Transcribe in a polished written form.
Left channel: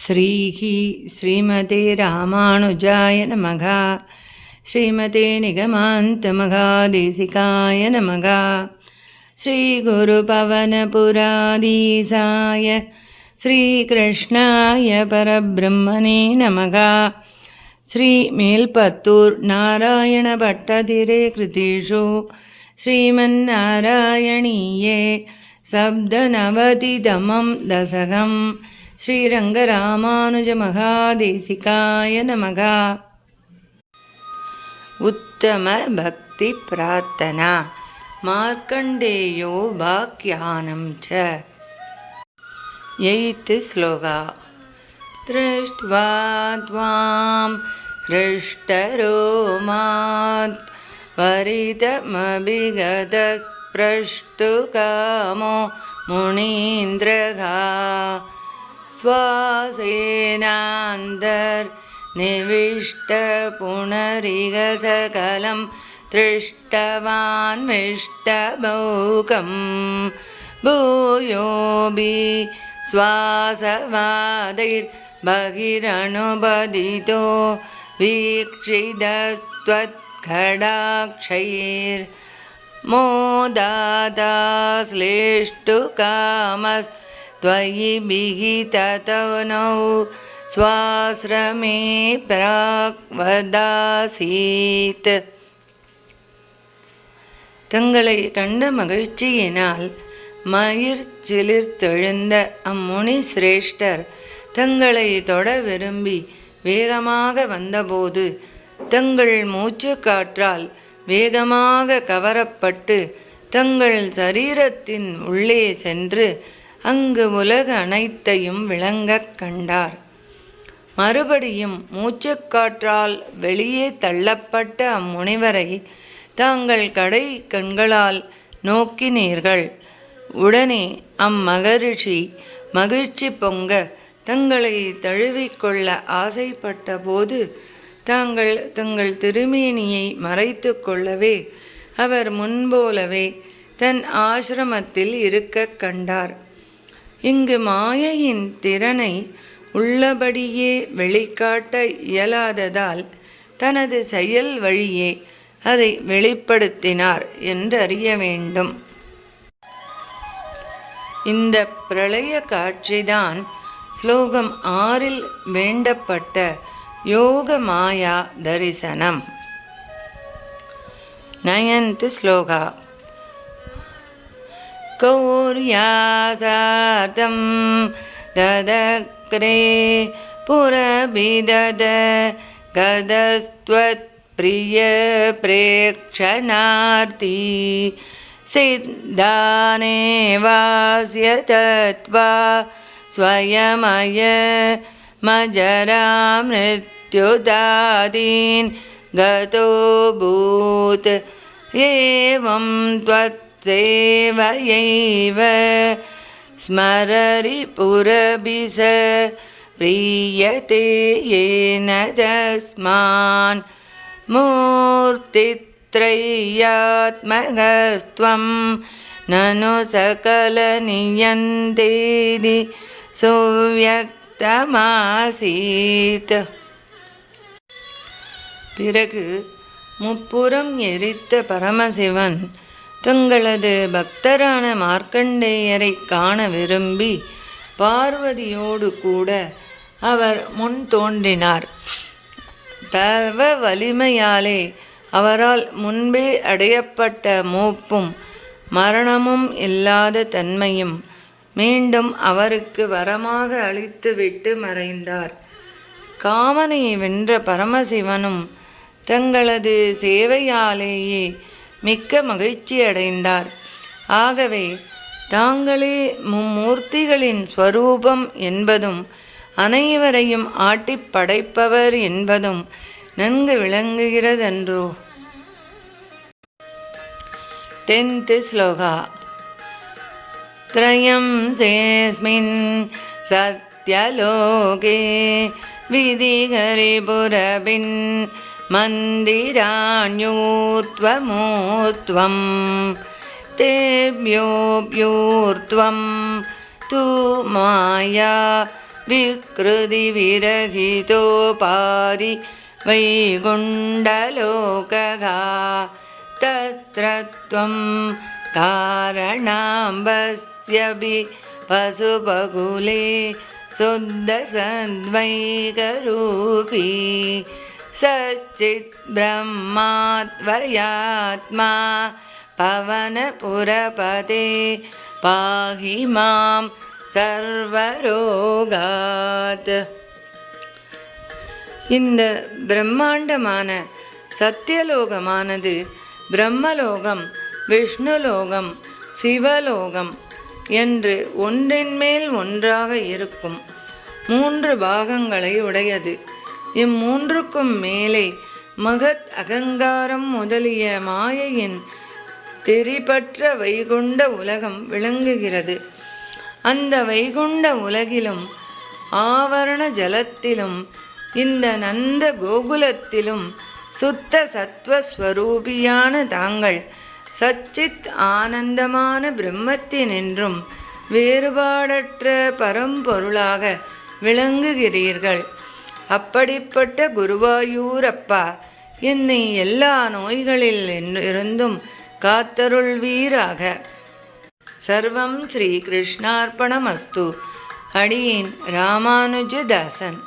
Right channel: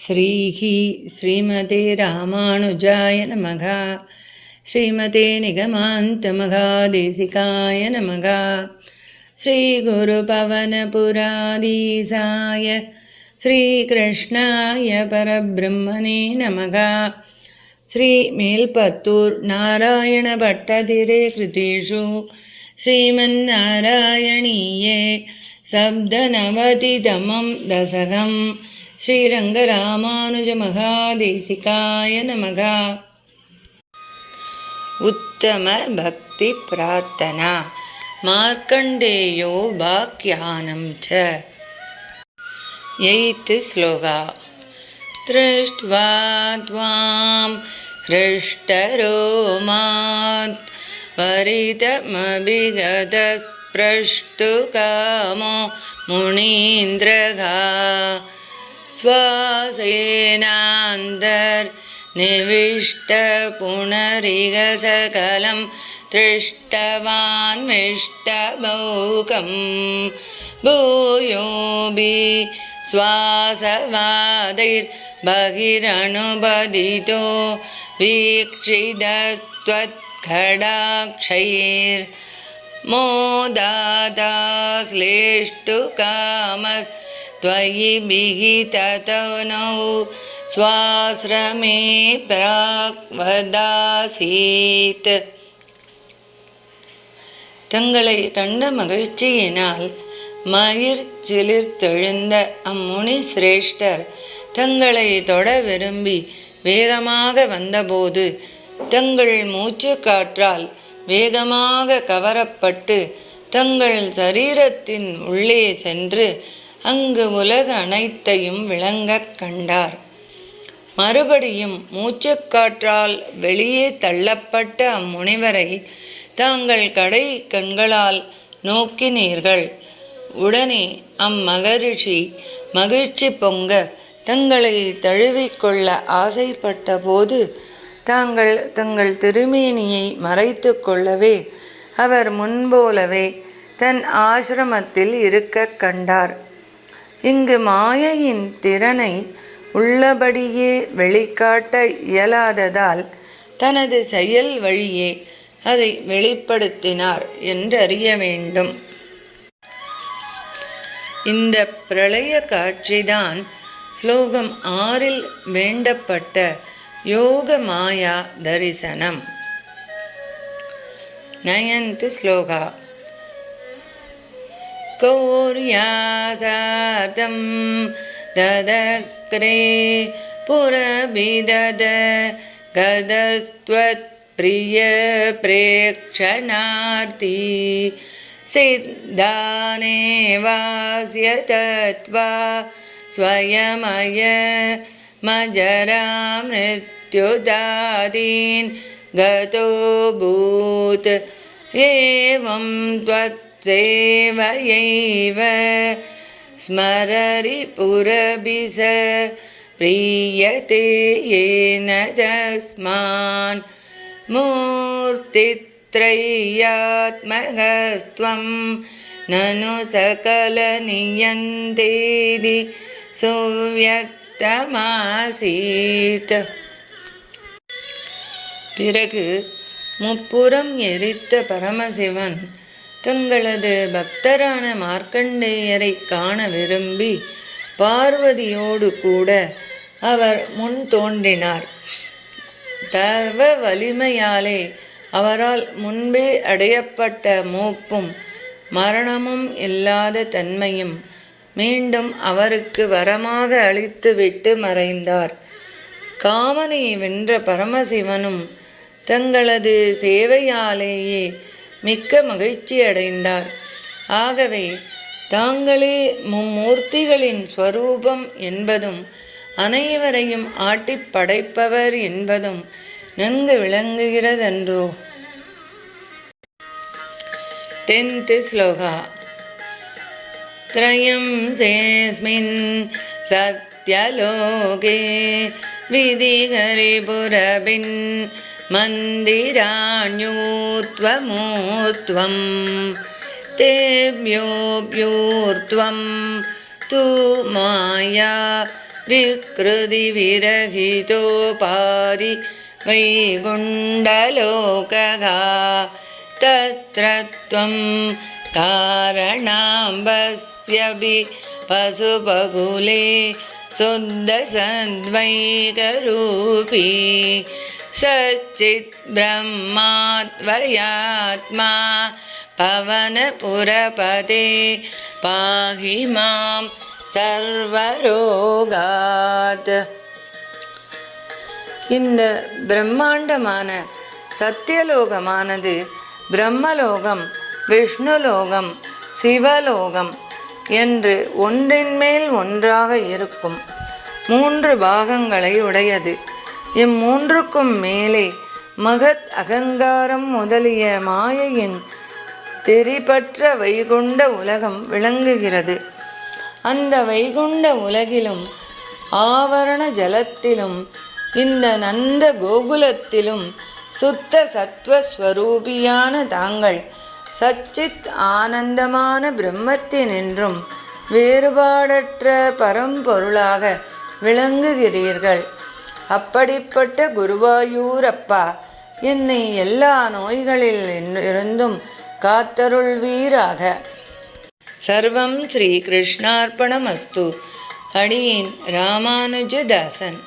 ஸ்ரீஹி ஸ்ரீமதே ராமானுஜாய நமக. ஸ்ரீமதே நிகமாந்த மகாதேசிகாய நமக. ஸ்ரீகுரு பவனபுராதீசாய ஸ்ரீகிருஷ்ணாய பரபிரம்மணே நமக. ஸ்ரீ மேல்பத்தூர் நாராயண பட்டதிரே கிருதிஷு ஸ்ரீமன்னாராயணீயே சப்தநவதிதமம் தசகம் ஸ்ரீரங்கராமானுஜ மகாதேசிகாய நமக. உத்தம பக்தி பிரார்த்தனா மார்க்கண்டேயோ பாக்யானம் ச. எய்த் ஸ்லோகா. திருஷ்ட்வா த்வாம் ஹ்ருஷ்டரோ மாத் வரிதமபிகதஸ்ப்ரஷ்டு காமோ முனீந்திரகா ஸ்வாசேனாந்தர் நிவிஷ்ட புனரிக சகலம் திருஷ்டவான் மிஷ்டபௌகம் பூயோபி ஸ்வாசவாதைர் பகிரனுபதிதோ வீக்ஷிதஸ்த்வத்கடாக்ஷைர் மோதாதாஸ்லேஷ்டு காமஸ் त्वयि विहिततनौ स्वाश्रमे प्राक्वदासीत्. தங்களை கண்ட மகிழ்ச்சியினால் மயிர் சிலிர்த்தெழுந்த அம்முனி சிரேஷ்டர் தங்களை தொட விரும்பி வேகமாக வந்தபோது தங்கள் மூச்சு காற்றால் வேகமாக கவரப்பட்டு தங்கள் சரீரத்தின் உள்ளே சென்று அங்கு உலக அனைத்தையும் விளங்கக் கண்டார். மறுபடியும் மூச்சுக்காற்றால் வெளியே தள்ளப்பட்ட அம்முனிவரை தாங்கள் கடை கண்களால் நோக்கினீர்கள். உடனே அம்மகரிஷி மகிழ்ச்சி பொங்க தங்களை தழுவிக்கொள்ள ஆசைப்பட்ட போது தாங்கள் தங்கள் திருமேனியை மறைத்து கொள்ளவே அவர் முன்போலவே தன் ஆசிரமத்தில் இருக்க கண்டார். இங்கு மாயையின் திறனை உள்ளபடியே வெளிக்காட்ட இயலாததால் தனது செயல் வழியே அதை வெளிப்படுத்தினார் என்றறிய வேண்டும். இந்த பிரளய காட்சிதான் ஸ்லோகம் 6 வேண்டப்பட்ட யோக மாயா தரிசனம். 9th ஸ்லோகா. கௌர்யாசாதம் ததக்ரே புரபிதத கதஸ்த்வத் பிரிய பிரேக்ஷணார்த்தி சித்தானே வாஸ்ய தத்வா ஸ்வயமய மஜராம் நித்யுதாதீன் கதோ பூத் ஏவம் த்வத் சேவயைவ ஸ்மரரி புரபிச பிரியதே ஏன தஸ்மான் மூர்த்தித்ரயாத்மகஸ்த்வம் நனு சகல நியந்தேதி சுவ்யக்தமாசீத். பிறகு முப்புறம் எரித்த பரமசிவன் தங்களது பக்தரான மார்க்கண்டேயரை காண விரும்பி பார்வதியோடு கூட அவர் முன் தோன்றினார். தவ வலிமையாலே அவரால் முன்பே அடையப்பட்ட மூப்பும் மரணமும் இல்லாத தன்மையும் மீண்டும் அவருக்கு வரமாக அளித்துவிட்டு மறைந்தார். காமனை வென்ற பரமசிவனும் தங்களது சேவையாலேயே மிக்க மகிழ்ச்சி அடைந்தார். ஆகவே தாங்களே மும்மூர்த்திகளின் ஸ்வரூபம் என்பதும் அனைவரையும் ஆட்டி படைப்பவர் என்பதும் நன்கு விளங்குகிறதன்றோ. 10th ஸ்லோகா. த்ரயம் சேஸ்மின் சத்யலோகே விதிகரிபுரபின் மந்திராண்யூத்வமூர்த்வம் தேவ்யோப்யூர்த்வம் து மாயா விக்ருதி விரகிதோபாதி வைகுண்டலோககா தத்ர த்வம் காரணாம்பஸ்யபி பசுபகுலே சுத்தசத்வைகரூபி சச்சித் பிரம்மாத்வயாத்மா பவனபுரபதே பாஹி மாம் சர்வரோகாத். இந்த பிரம்மாண்டமான சத்தியலோகமானது பிரம்மலோகம், விஷ்ணுலோகம், சிவலோகம் என்று ஒன்றின் மேல் ஒன்றாக இருக்கும் 3 பாகங்களை உடையது. இம்மூன்றுக்கும் மேலே மகத் அகங்காரம் முதலிய மாயையின் தெரிபற்ற வைகுண்ட உலகம் விளங்குகிறது. அந்த வைகுண்ட உலகிலும் ஆவரண ஜலத்திலும் இந்த நந்த கோகுலத்திலும் சுத்த சத்வஸ்வரூபியான தாங்கள் சச்சித் ஆனந்தமான பிரம்மத்தினின்றும் வேறுபாடற்ற பரம்பொருளாக விளங்குகிறீர்கள். அப்படிப்பட்ட குருவாயூரப்பா, என்னை எல்லா நோய்களில் இருந்தும் காத்தருள்வீராக. சர்வம் ஸ்ரீ கிருஷ்ணார்ப்பணமஸ்து. அடியேன் ராமானுஜதாசன்.